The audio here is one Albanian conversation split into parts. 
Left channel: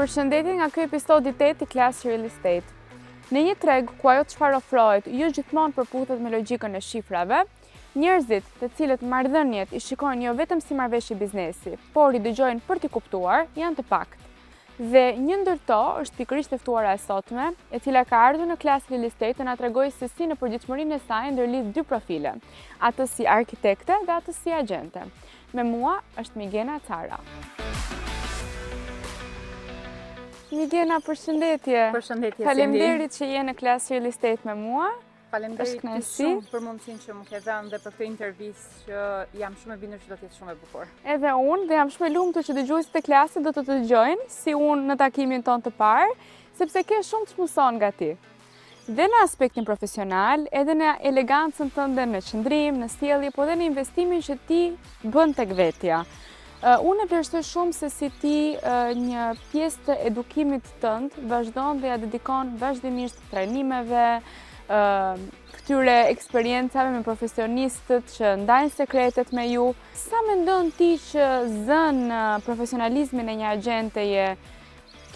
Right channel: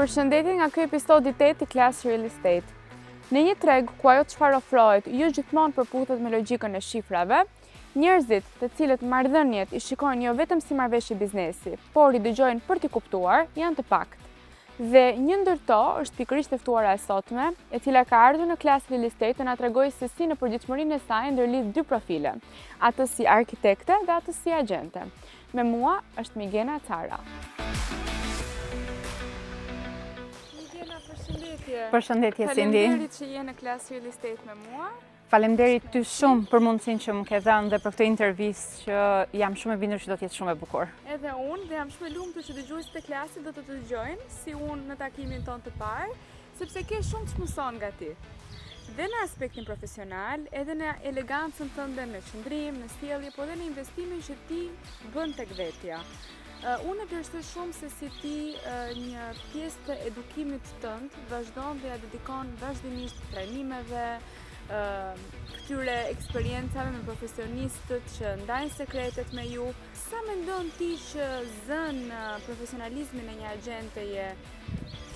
Përshëndetje nga ky episodi 8 i Class Real Estate. Në një treg ku ajo çfarë ofrohet jo gjithmonë përputhet me logjikën e shifrave, njerëzit të cilët marrëdhëniet i shikojnë jo vetëm si marrëveshje biznesi, por i dëgjojnë për t'i kuptuar, janë të pakët. Dhe një ndër to është pikërisht e ftuara e sotme, e cila ka ardhur në Class Real Estate të na tregojë se si në përgjithësinë e saj ndërlidh dy profile, atë si arkitekte dhe atë si agjente. Me mua është Migena Cara. Migena, përshëndetje. Përshëndetje, Cindy. Faleminderit që je në Class Real Estate me mua. Faleminderit ty shumë për mundësinë që më ke dhënë dhe për këtë intervistë që jam shumë e bindur që do të jetë shumë e bukur. Edhe unë dhe jam shumë e lumtur që dëgjuesit e klasit do të dëgjojnë si unë në takimin ton të parë, sepse ke shumë të mëson nga ti. Dhe në aspektin profesional, edhe në elegancën tënde, në qëndrim, në sjellje, po dhe në investimin që ti bën tek vetja. Unë e vlerësoj shumë se si ti një pjesë të edukimit tënd vazhdon dhe ja dedikon vazhdimisht trajnimeve, këtyre eksperiencave me profesionistët që ndajnë sekretet me ju. Sa mendon ti që zën profesionalizmin e një agjenteje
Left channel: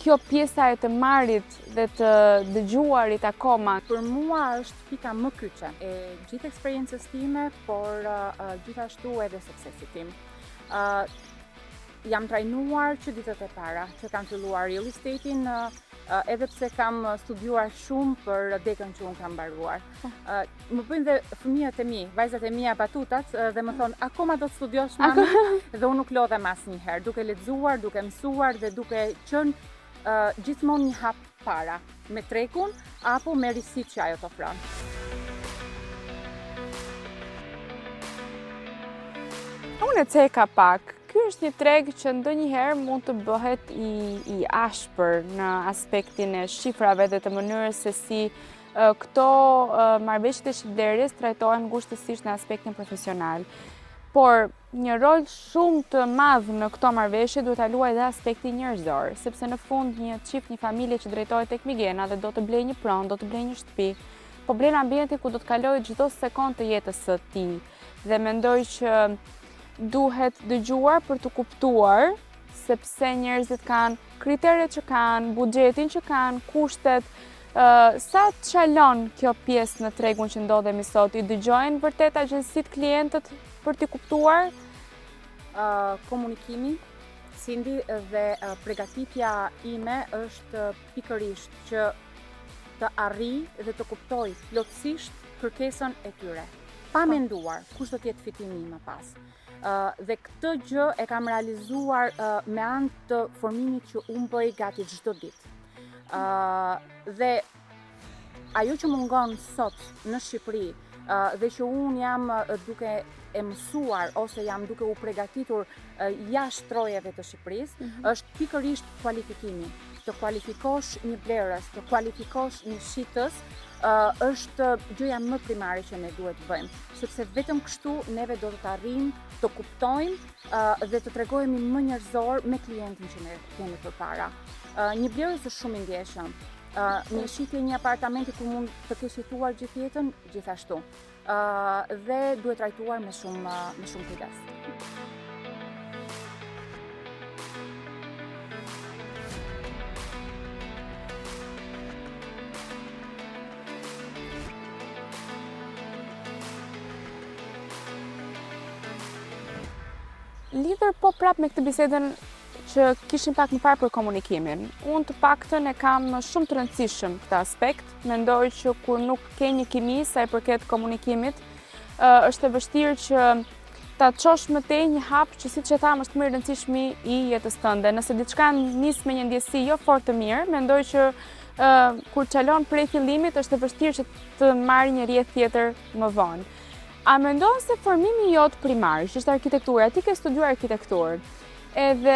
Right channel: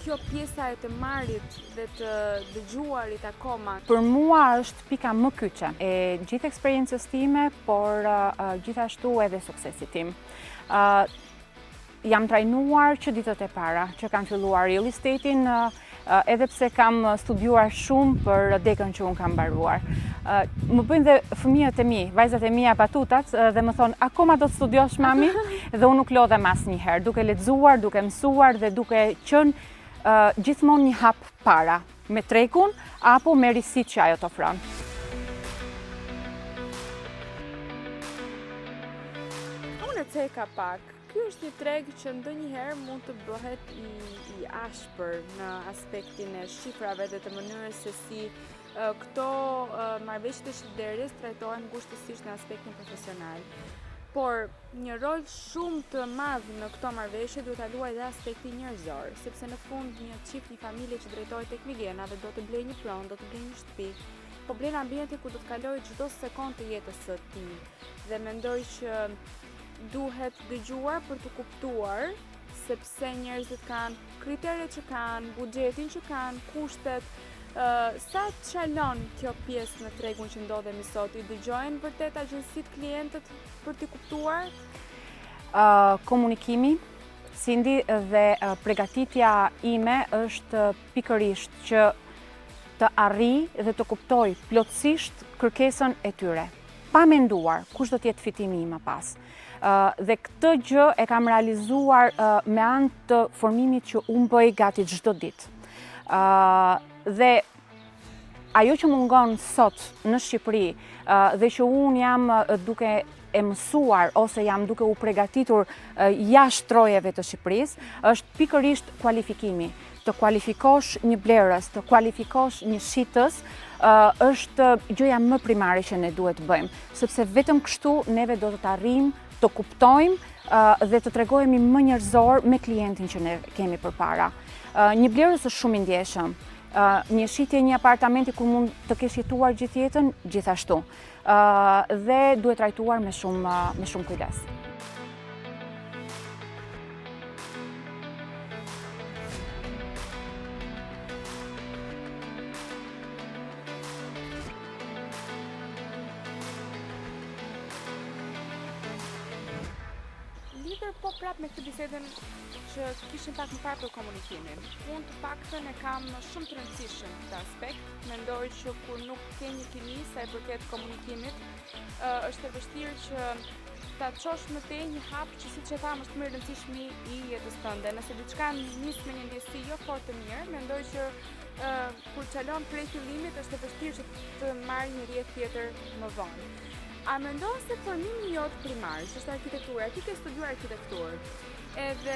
kjo pjesa e të marrit dhe të dëgjuarit akoma? Për mua është pika më kyçe e gjithë eksperiencës time, por gjithashtu edhe suksesit tim. Jam trajnuar që ditët e para që kam filluar real estate-in, edhe pse kam studiuar shumë për dekën që unë kam mbaruar. Më bëjnë dhe fëmijët e mi, vajzat e mia patutat dhe më thonë, akoma do të studiosh mami? Dhe unë nuk lodhem asnjëherë, duke lexuar, duke mësuar dhe duke qenë gjithmonë një hap para me trekun apo me risit që ajo të ofron. Unë e ceka pak. Ky është një treg që ndonjëherë mund të bëhet i ashpër në aspektin e shifrave dhe të mënyrës se si këto marrëveshjet e shitblerjes trajtohen ngushtësisht në aspektin profesional. Por një rol shumë të madh në këto marrëveshje duhet ta luajë edhe aspekti njerëzor, sepse në fund një çift, një familje që drejtohet tek Migena dhe do të blejë një pronë, do të blejë një shtëpi, po blen ambientin ku do të kalojë çdo sekondë të jetës së tij. Dhe mendoj që duhet dëgjuar për të kuptuar, sepse njerëzit kanë kriteret që kanë, buxhetin që kanë, kushtet. Sa të çalon kjo pjesë në tregun që ndodhemi sot? I dëgjojnë vërtet agjensitë klientët për t'i kuptuar? Komunikimi, Cindy, dhe përgatitja ime është pikërisht që të arrij dhe të kuptoj plotësisht kërkesën e tyre. Pa menduar kush do të jetë fitimi im më pas. Dhe këtë gjë e kam realizuar me anë të formimit që unë bëj gati çdo ditë. Dhe ajo që mungon sot në Shqipëri dhe që unë jam duke e mësuar ose jam duke u përgatitur jashtë trojeve të Shqipërisë, është pikërisht kualifikimi. Të kualifikosh një blerës, të kualifikosh një shitës, është gjëja më primare që ne duhet të bëjmë, sepse vetëm kështu neve do të arrijmë të kuptojmë dhe të tregojmë më njerëzor me klientin që ne kemi përpara. Një blerës është shumë i ndjeshëm. Një shitje, një apartamenti ku mund të kesh jetuar gjithë jetën, gjithashtu. Dhe duhet trajtuar me shumë kujdes. Lidhur po prap me këtë bisedën që kishim pak më parë për komunikimin. Unë të paktën e kam shumë të rëndësishëm këtë aspekt. Mendoj që kur nuk ke një kimi sa i përket komunikimit, është e vështirë që ta çosh më tej një hap që siç e tham është më i rëndësishmi i jetës tënde. Nëse diçka nis me një ndjesi jo fort të mirë, mendoj që kur çalon prej fillimit është e vështirë që të marrë një rrjet tjetër më vonë. A mendon se formimi jot primar, që është arkitektura, ti ke studiuar arkitekturë, edhe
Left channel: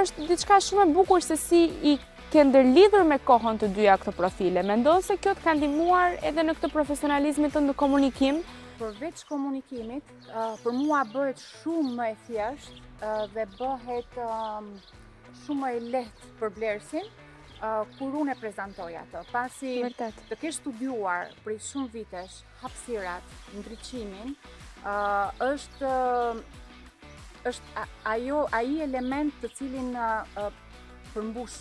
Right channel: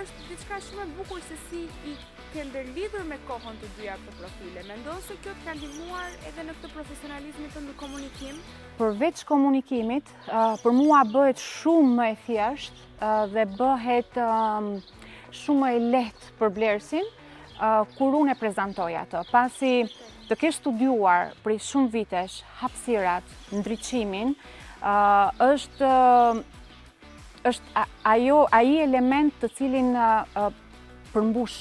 është diçka shumë e bukur se si i ke ndërlidhur me kohën të dyja këto profile. Mendon se kjo të ka ndihmuar edhe në këtë profesionalizmin tënd në komunikim? Përveç komunikimit, për mua bëhet shumë më e thjeshtë dhe bëhet shumë më e lehtë për blerësin kur unë e prezantoj ato. Pasi të kesh studiuar për shumë vitesh hapësirat, ndriçimin, është ai element të cilin përmbush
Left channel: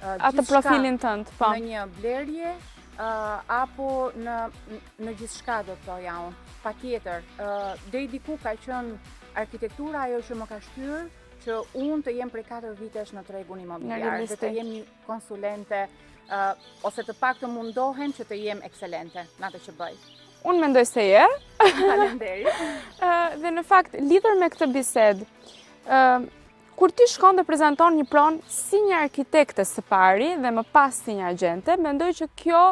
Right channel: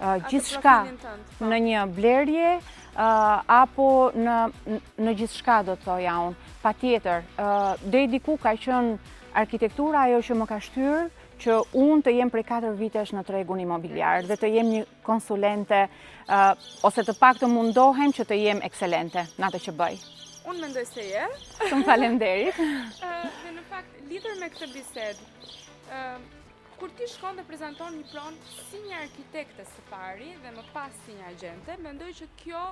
atë profilin tënd, po. Në një blerje apo në gjithçka do të thoja unë. Patjetër, deri diku ka qenë arkitektura ajo që më ka shtyrë që unë të jem prej 4 vitesh në tregun imobiliar dhe të jem një konsulente ose të paktën mundohem që të jem ekselente në atë që bëj. Unë mendoj se je. Shumë faleminderit. Dhe në fakt, lidhur me këtë bisedë, kur ti shkon dhe prezanton një pronë si një arkitekte së pari dhe më pas si një agjente, mendoj që kjo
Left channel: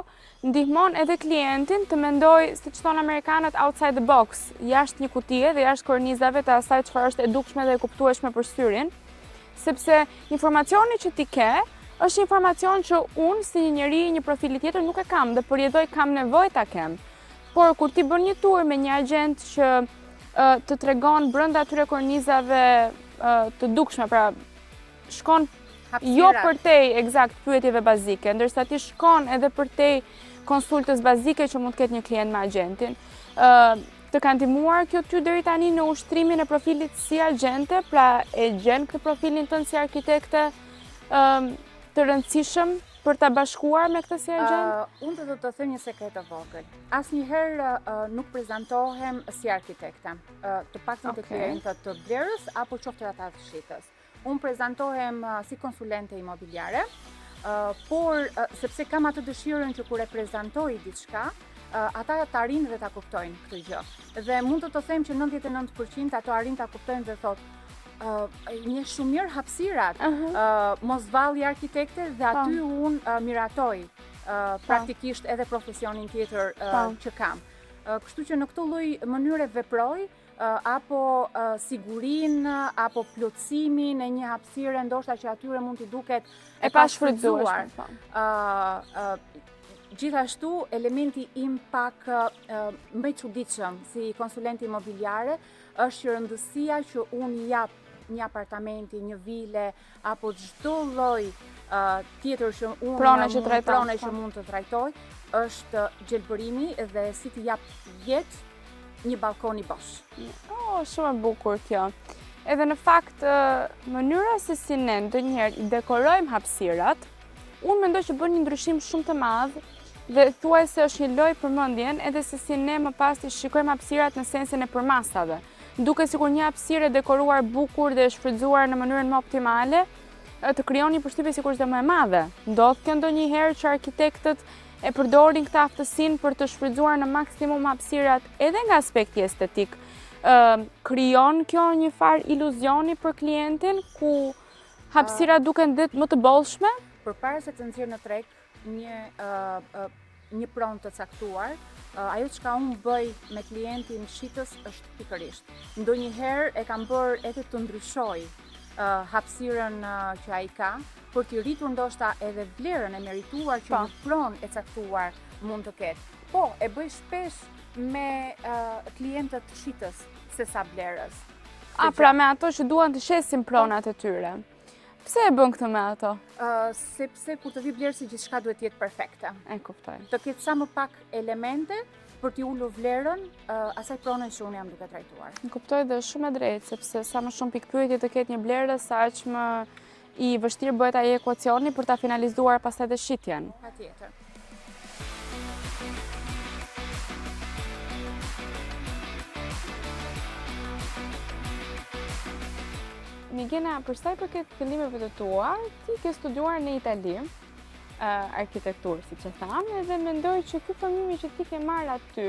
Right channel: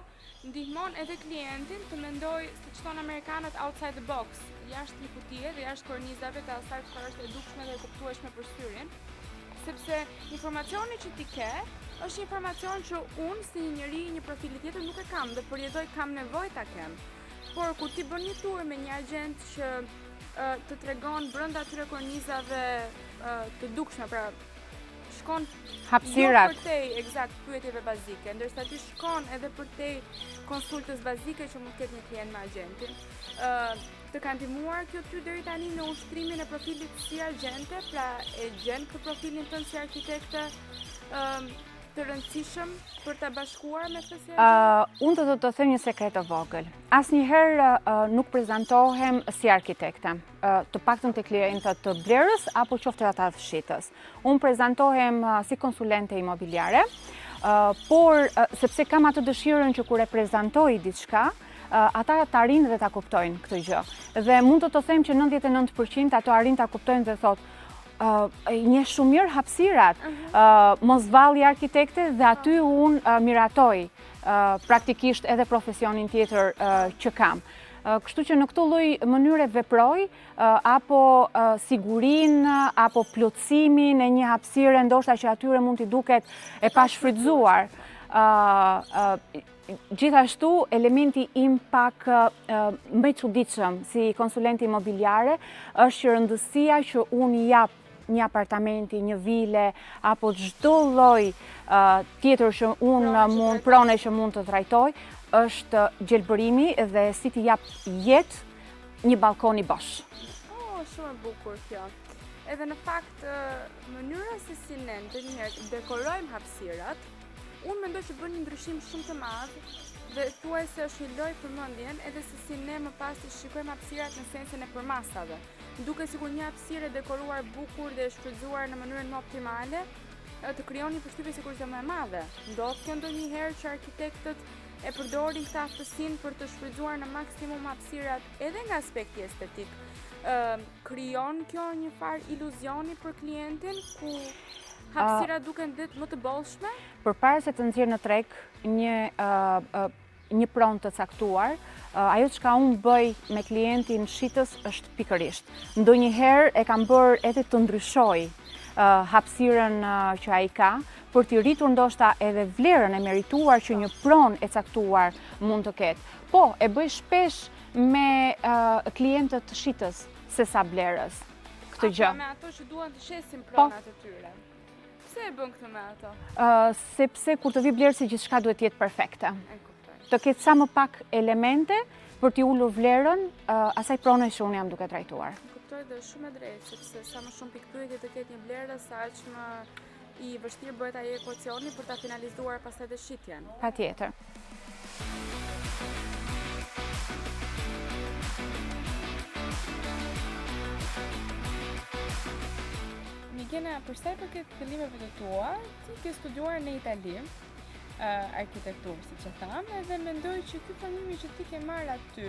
ndihmon edhe klientin të mendoj, siç thonë amerikanët, outside the box, jashtë një kutie dhe jashtë kornizave të asaj çfarë është e dukshme dhe e kuptueshme për syrin, sepse informacioni që ti ke është informacion që unë si një njeri, një profili tjetër nuk e kam dhe përjetoj kam nevojë ta kem. Por kur ti bën një tur me një agent që të tregon brenda atyre kornizave të dukshme, pra shkon jo për tej eksakt pyetjeve bazike, ndërsa ti shkon edhe për tej konsultës bazike që mund të ketë një klient me agentin. Të ka ndihmuar kjo ty deri tani në ushtrimin e profilit si agjente, pra e gjen këtë profilin tënd si arkitekte të rëndësishëm për ta bashkuar me këtë si agent? Unë do të them një sekret të vogël. Asnjëherë nuk prezantohem si arkitekte, të paktën te klientët të blerës apo qoftë ata të fshitës. Unë prezantohem si konsulente imobiliare, por sepse kam atë dëshirën që kur e prezantoj diçka, ata ta arrin dhe ta kuptojnë këtë gjë. Dhe mund të them që 99% ato arrin ta kuptojnë dhe thotë një shumë mirë hapësirat, mos valli arkitekte dhe aty unë miratoj praktikisht edhe profesionin tjetër që kam. Kështu që në këtë lloj mënyre veproj apo sigurinë apo plotësimin e një hapësire ndoshta që atyre mund t'i duket e pashfrytzuar. Gjithashtu, elementi im pak më i çuditshëm si konsulente imobiliare është që rëndësia që unë jap një apartamenti, një vile, apo çdo lloj tjetër që unë prone që mund të trajtoj, është gjelbërimi dhe si t'i jap jetë një balkon i bosh. Shumë e bukur kjo. Edhe në fakt, mënyra se si ne ndonjëherë dekorojmë hapësirat, unë mendoj që bën një ndryshim shumë të madh dhe thuaj se është një lojë përmendjen edhe se si ne më pas të shikojmë hapësirat në sensin e përmasave. Duke sikur një hapësirë dekoruar bukur dhe shfrytzuar në mënyrën më optimale, të krijon një përshtypje sikur është më e madhe. Ndodh kjo ndonjëherë që arkitektët e përdorin këtë aftësinë për të shfrytzuar në maksimum hapësirat edhe nga aspekti estetik. Krijon kjo një farë iluzioni për klientin ku hapësirat duken më të bollshme? Përpara se të nxjerr në treg një pronë të caktuar, ajo çka unë bëj me klientin shitës është pikërisht. Ndonjëherë e kam bërë edhe të ndryshoj hapësirën që ai ka, për t'i rritur ndoshta edhe vlerën e merituar që një pronë e caktuar mund të ketë. Po, e bëj shpesh me klientët shitës sesa blerës. Pra me ato që duan të shesin pronat e tyre. Pse e bën këtë me ato? Sepse kur të vi blerësi gjithçka duhet të jetë perfekte. E kuptoj. Të ketë sa më pak elemente për t'i ulur vlerën asaj prone që unë jam duke trajtuar. E kuptoj dhe shumë e drejtë, sepse sa më shumë pikpyetje të ketë një blerë, sa aq më i vështirë bëhet ai ekuacioni për ta finalizuar pastaj dhe shitjen. Patjetër. Migena, për sa i përket fillimeve të tua, ti ke studiuar në Itali, arkitekturë, siç e thamë, dhe mendoj që ky formimi që ti ke marrë aty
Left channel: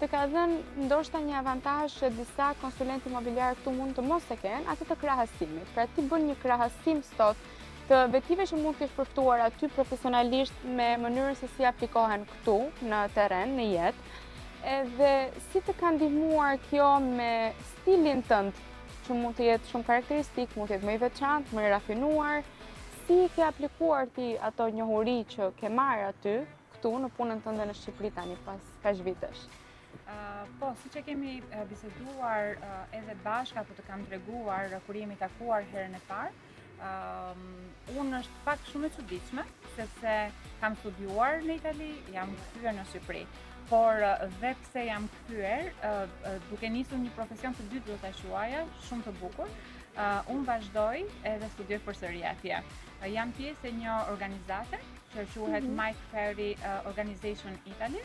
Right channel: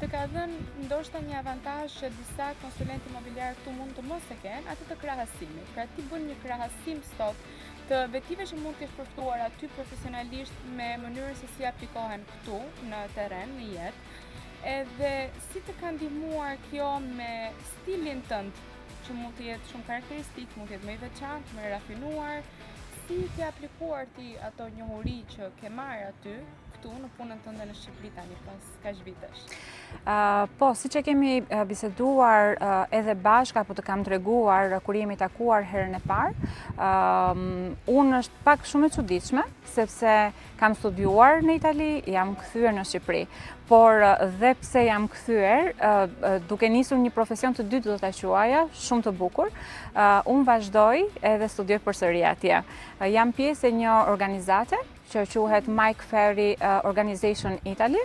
të ka dhënë ndoshta një avantazh që disa konsulentë imobiliar këtu mund të mos e kenë, atë të krahasimit. Pra ti bën një krahasim sot të vetive që mund të shpërftuar aty profesionalisht me mënyrën se si aplikohen këtu në terren, në jetë, edhe si të ka ndihmuar kjo me stilin tënd, që mund të jetë shumë karakteristik, mund të jetë më i veçantë, më i rafinuar. Si ke aplikuar ti ato njohuri që ke marrë aty, këtu në punën tënde në Shqipëri tani pas kaq vitesh? Po, siç e kemi biseduar edhe bashkë apo të kam treguar kur jemi takuar herën e parë, unë është pak shumë e çuditshme sepse kam studiuar në Itali, jam kthyer në Shqipëri. por dhe pse jam kthyer, duke nisur një profesion të dytë do ta quaja, shumë të bukur, unë vazhdoj edhe studioj përsëri atje. Jam pjesë e një organizate që quhet Mike Ferry Organization Italy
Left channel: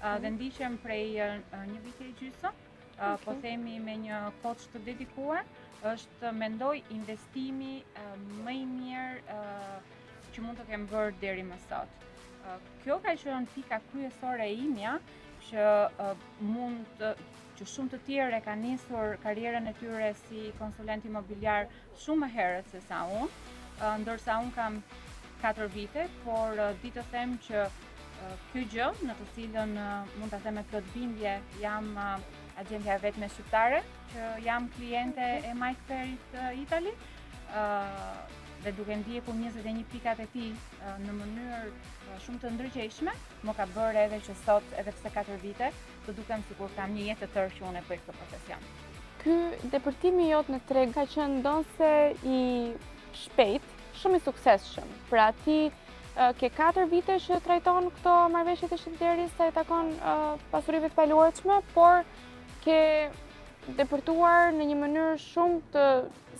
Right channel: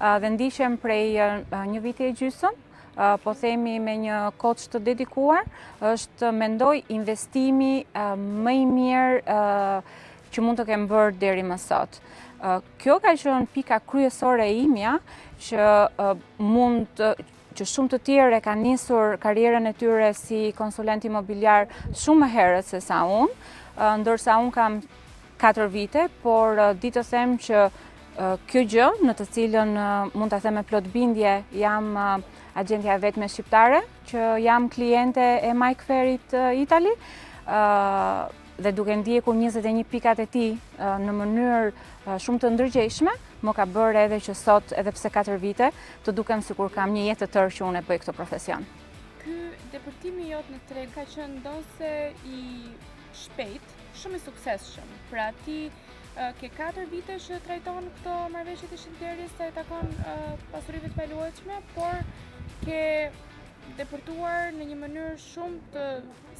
dhe ndiqem prej një viti e gjysmë. Po themi me një coach të dedikuar, është mendoj investimi më i mirë që mund të kem bërë deri më sot. Kjo ka qenë pika kryesore e imja që që shumë të tjerë kanë nisur karrierën e tyre si konsulent imobiliar shumë më herët se sa unë, ndërsa unë kam 4 vite, por di të them që kjo gjë në të cilën mund ta them me plot bindje, jam agentja e vetme shqiptare, që jam kliente e Mike Ferryt Italy, dhe duke ndjekur 21 pikat e tij në mënyrë shumë të ndërgjegjshme, më ka bërë edhe që sot, edhe pse 4 vite, të dukem sikur kam një jetë të tërë që unë e bëj këtë profesion. Ky depërtimi jot në treg ka qenë ndonse i shpejt, shumë i suksesshëm. Pra ti ke 4 vite që trajton këto marrëveshje të shitderit sa i takon pasurive të paluajtshme, por ke depërtuar në një mënyrë shumë të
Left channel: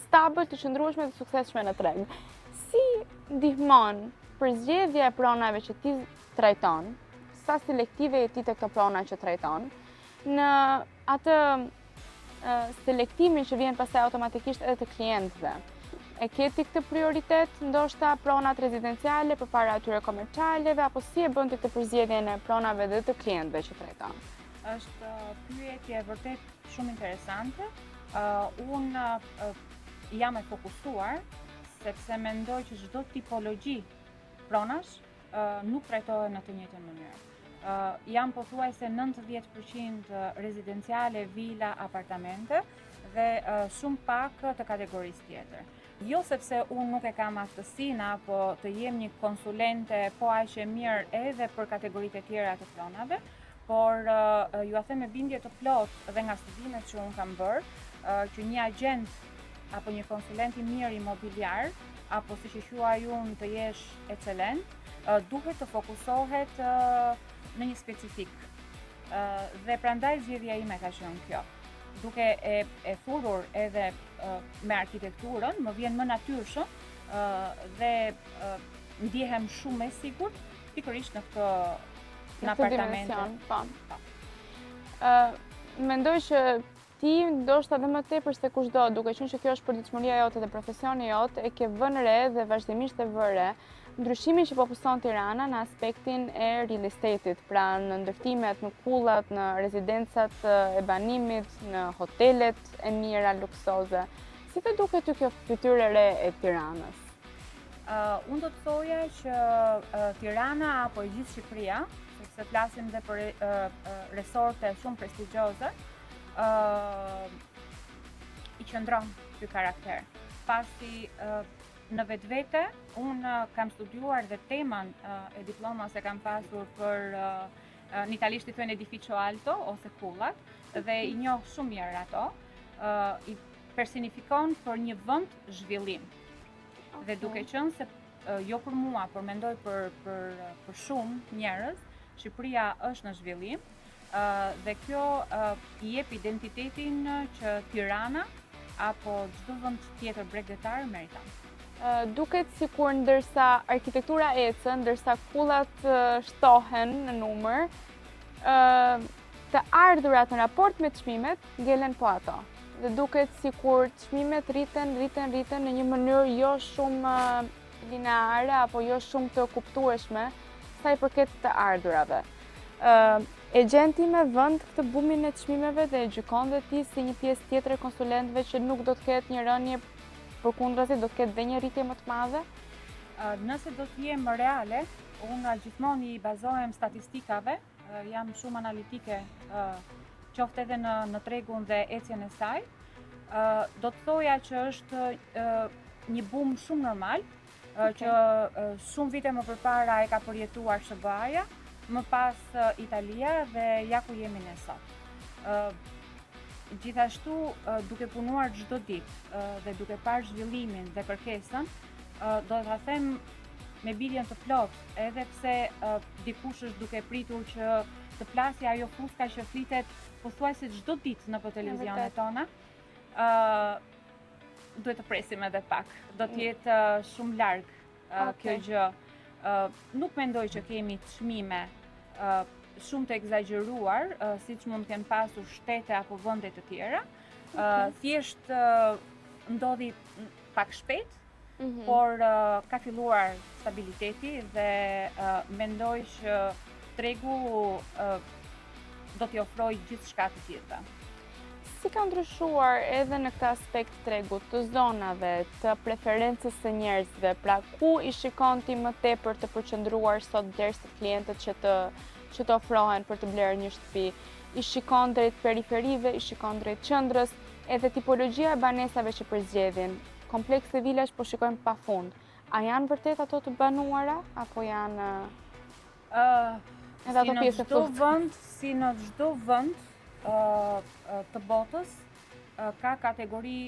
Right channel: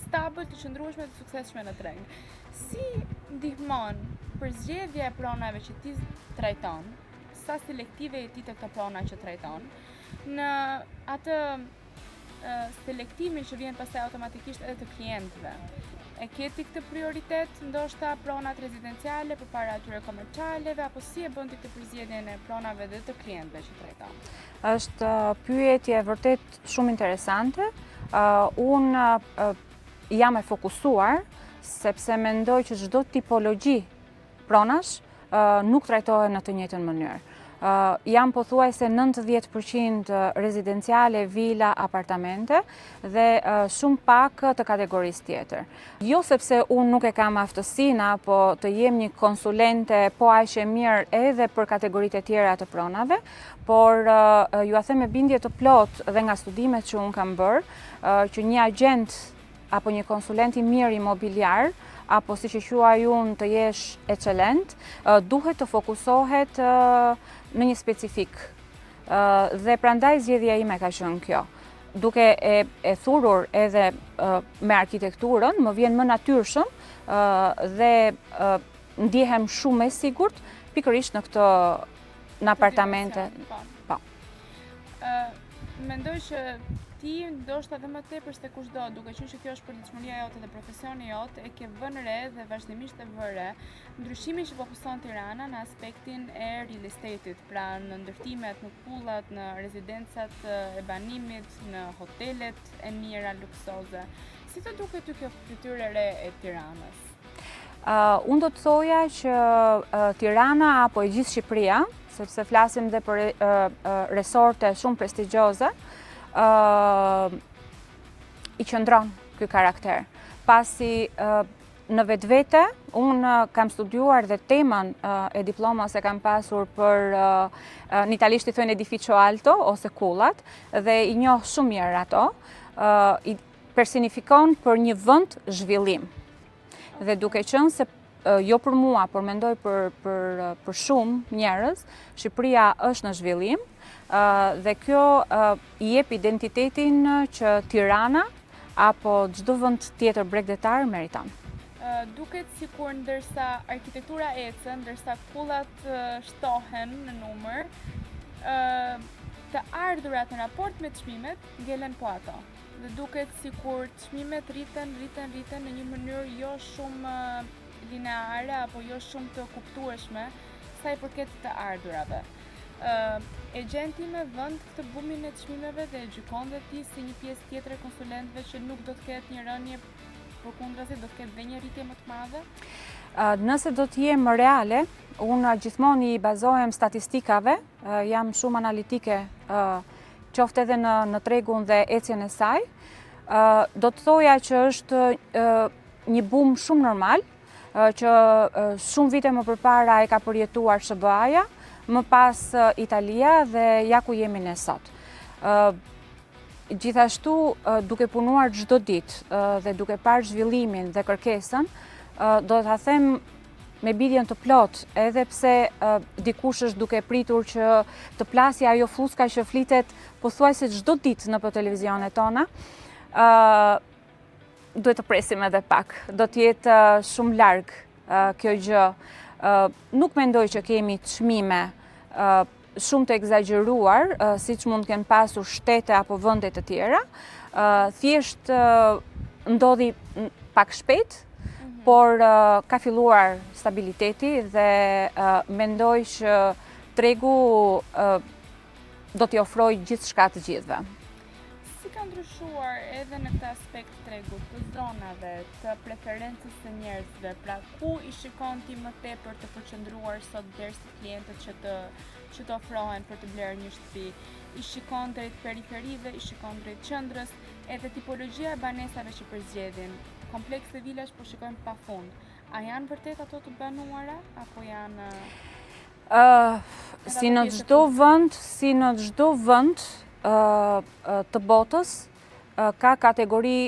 stabil, të qëndrueshme dhe suksesshme në treg. Si ndihmon përzgjedhja e pronave që ti trajton, sa selektive je ti të këto prona që trajton, në atë selektimin që vjen pastaj automatikisht edhe të klientëve. E ke ti këtë prioritet, ndoshta pronat rezidenciale përpara atyre komercialeve, apo si e bën ti këtë përzgjedhjen e pronave dhe të klientëve që trajton? Është pyetje vërtet shumë interesante. Unë jam e fokusuar sepse mendoj që çdo tipologji pronash nuk trajtohet në të njëjtën mënyrë. Jam pothuajse 90% rezidenciale, vila, apartamente dhe shumë pak të kategorisë tjetër. Jo sepse unë nuk e kam aftësinë apo të jem një konsulente po aq e mirë edhe për kategoritë e tjera të pronave, por ju a them me bindje të plot dhe nga studimet që unë kam bërë, që një agent apo një konsulent i mirë imobiliar, apo si që quaj unë të jesh excelent, duhet të fokusohet në një specifik. Dhe prandaj zgjedhja ime ka qenë kjo. Duke e thurur edhe me arkitekturën, më vjen më natyrshëm dhe ndihem shumë e sigurt pikërisht në apartamente. Po. Mendoj që ti ndoshta edhe më tepër se kushdo, duke qenë që kjo është përditshmëria jote dhe profesioni jot, e ke vënë re dhe vazhdimisht e vë re ndryshimin që po puson Tirana në aspektin e real estate-it, pra në ndërtimet, në kullat, në rezidencat e banimit, në hotelet e mira luksoze. Si të duket ty kjo fytyrë e re e Tiranës? Unë do të thoja që Tirana apo e gjithë Shqipëria, sepse flasim dhe për resorte shumë prestigjioze, i qëndron ky karakter. Pasi në vetvete, unë kam studiuar dhe temën e diplomës e kam pasur për në italisht i thojnë edificio alto ose kullat, dhe i njoh shumë mirë ato, i personifikon për një vend zhvillim. Dhe duke qenë se jo për mua, por mendoj për shumë njerëz, Shqipëria është në zhvillim, dhe kjo i jep identitetin që Tirana apo çdo vend tjetër bregdetar meriton. Duket sikur ndërsa arkitektura ecë, ndërsa kullat shtohen në numër, të ardhurat në raport me çmimet ngelen po ato. Dhe duket sikur çmimet rriten në një mënyrë jo shumë lineare apo jo shumë të kuptueshme sa i përket të ardhurave. E gjen ti me vend këtë bumin e çmimeve dhe e gjykon dhe ti si një pjesë tjetër e konsulentëve që nuk do të ketë një rënje, përkundrazi do të ketë dhe një rritje më të madhe? Nëse do të jem reale, unë gjithmonë i bazohem statistikave, jam shumë analitike, qoftë edhe në tregun dhe ecjen e saj. Do të thoja që është një bum shumë normal, që shumë vite më përpara e ka përjetuar SBA-ja, më pas Italia dhe ja ku jemi ne sot. Gjithashtu, duke punuar çdo ditë dhe duke parë zhvillimin dhe kërkesën, do ta them me biljen të plot, edhe pse dikush është duke pritur që të plasja ajo fluska që flitet pothuajse çdo ditë në televizionet tona, duhet të presim edhe pak. Do të jetë shumë larg kjo gjë. Nuk mendoj që kemi çmime shumë të egzageruar, siç mund të kenë pasur shtete apo vende të tjera. Thjesht ndodhi pak shpejt, por ka filluar stabiliteti dhe mendoj që tregu do t'i ofrojë gjithçka të gjithëve. Si ka ndryshuar edhe në këtë aspekt tregut të zonave, të preferencës së njerëzve, pra ku i shikon ti më tepër të përqendruar sot derisa klientët që të ofrohen për të blerë një shtëpi? I shikon drejt periferive, i shikon drejt qendrës, edhe tipologjia e banesave që përzgjedhin. Komplekse vilash po shikojmë pafund. A janë vërtet ato të banuara apo janë si në çdo vend të botës ka kategori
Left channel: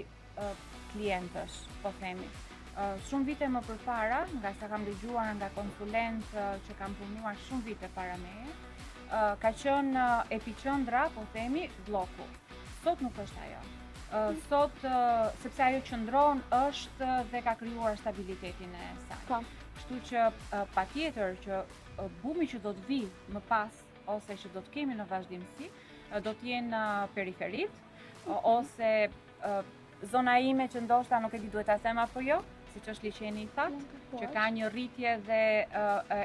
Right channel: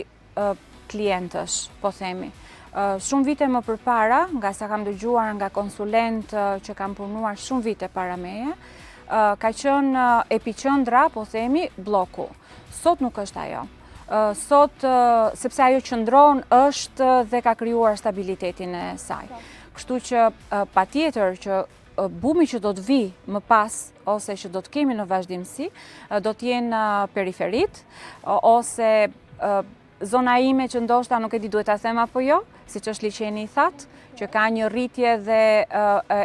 klientësh, po themi. Shumë vite më përpara, nga sa kam dëgjuar nga konsulent që kam punuar shumë vite para meje, ka qenë epiqendra, po themi, bloku. Sot nuk është ajo. Sot, sepse ajo qëndron është dhe ka krijuar stabilitetin e saj. Kështu që patjetër që bumi që do të vi më pas, ose që do të kemi në vazhdimsi, do të jenë periferit, ose zona ime që ndoshta nuk e di duhet ta them apo jo, siç është liçeni i thatë, që ka një rritje dhe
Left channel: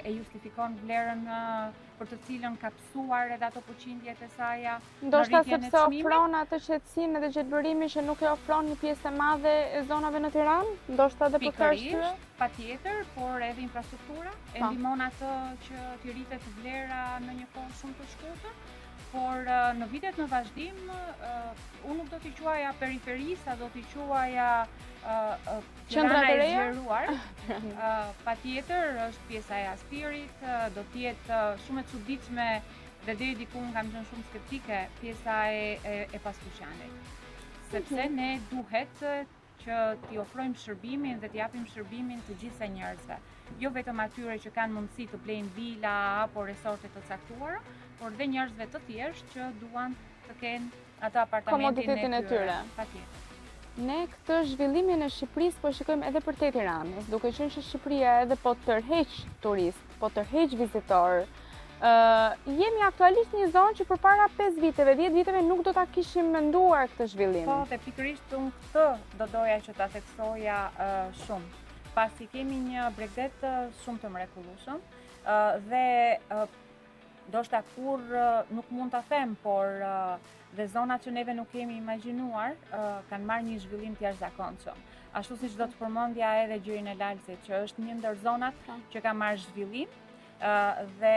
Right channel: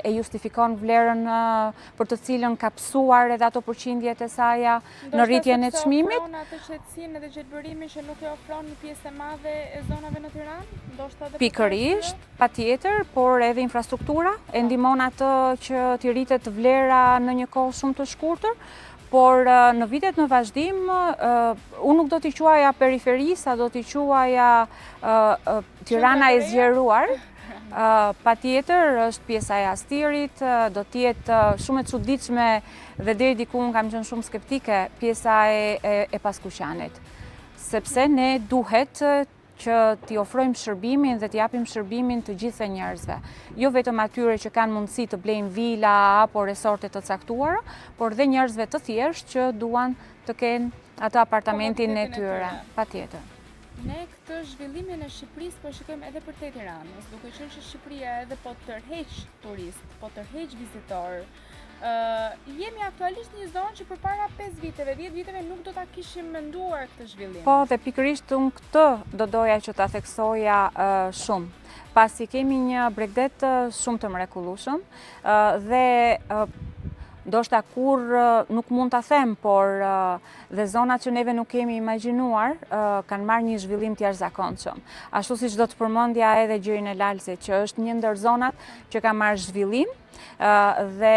e justifikon vlerën për të cilën ka psuar edhe ato përqindjet e saja në rritjen e çmimit. Ndoshta ofron atë qetësinë edhe gjelbërimin që nuk e ofron një pjesë e madhe e zonave në Tiranë? Ndoshta edhe pikërisht, patjetër, por edhe infrastruktura e ndihmon atë që t'i rritet vlera në një kohë shumë të shkurtër. Por në vitet në vazhdim, unë nuk do t'i quaja periferi, sa do t'i quaja Tirana e zgjeruar. Patjetër, është pjesa e Astirit, do t'jetë shumë e çuditshme dhe deri diku unë kam qenë shumë skeptike pjesa e Paskuqanit. Sepse ne duhet që t'i ofrojmë shërbimin dhe t'i japim shërbimin të gjithë njerëzve. Jo vetëm atyre që kanë mundësi të blejnë vila apo resorte të caktuara, por dhe njerëzve të thjeshtë që duan të kenë atë apartamentin e tyre. Patjetër. Ne këtë zhvillimin e Shqipërisë po shikojmë edhe për te Tiranës, duke qenë që Shqipëria edhe po tërheq turist, po tërheq vizitor. Jemi aktualisht një zonë që përpara 5 viteve, 10 viteve nuk do ta kishim menduar këtë zhvillim. Po, dhe pikërisht unë këtë do doja që ta theksoja shumë. Pasi kemi një Bregdet shumë të mrekullueshëm dhe ndoshta kur nuk mund ta them, por dhe zonat që neve nuk kemi imagjinuar kanë marrë një zhvillim të jashtëzakonshëm. Ashtu siç do të përmendja edhe Gjirin e Lalësit, që është një ndër zonat që ka marrë zhvillim dhe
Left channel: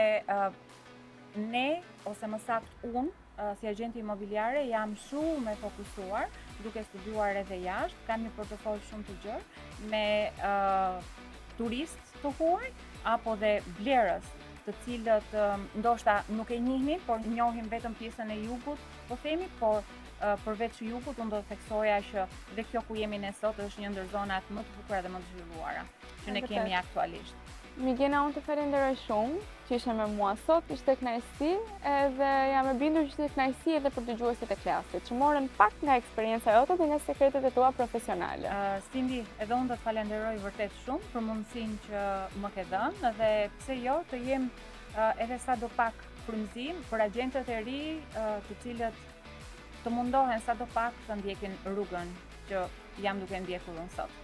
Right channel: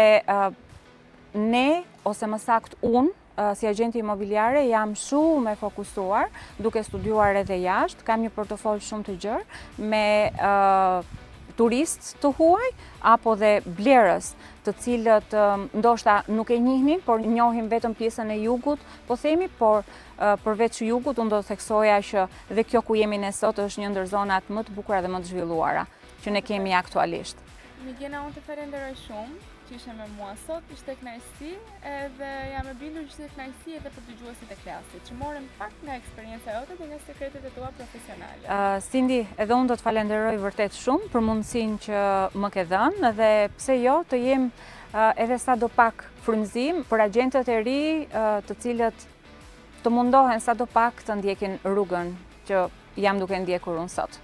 ne, ose më saktë unë, si agenti imobiliare jam shumë e fokusuar, duke studiuar edhe jashtë, kam një portofol shumë të gjerë me turistë të huaj apo dhe blerës, të cilët ndoshta nuk e njihnin, por njohin vetëm pjesën e jugut, po themi, por përveç jugut, unë do të theksoja që dhe kjo ku jemi ne sot është një ndër zonat më të bukura dhe më të zhvilluara që ne kemi aktualisht. Migena, unë të falenderoj shumë që ishe me mua sot, ishte kënaqësi edhe jam e bindur që ishte kënaqësi edhe për dëgjuesit e klasit, që morën pak nga eksperjenca jote dhe nga sekretet e tua profesionale. Cindy, edhe unë do të falenderoj vërtet shumë për mundësinë që më ke dhënë dhe pse jo të jem edhe sado pak frymëzim për agjentët e ri të cilët të mundohen sado pak të ndjekin rrugën që jam duke ndjekur unë sot.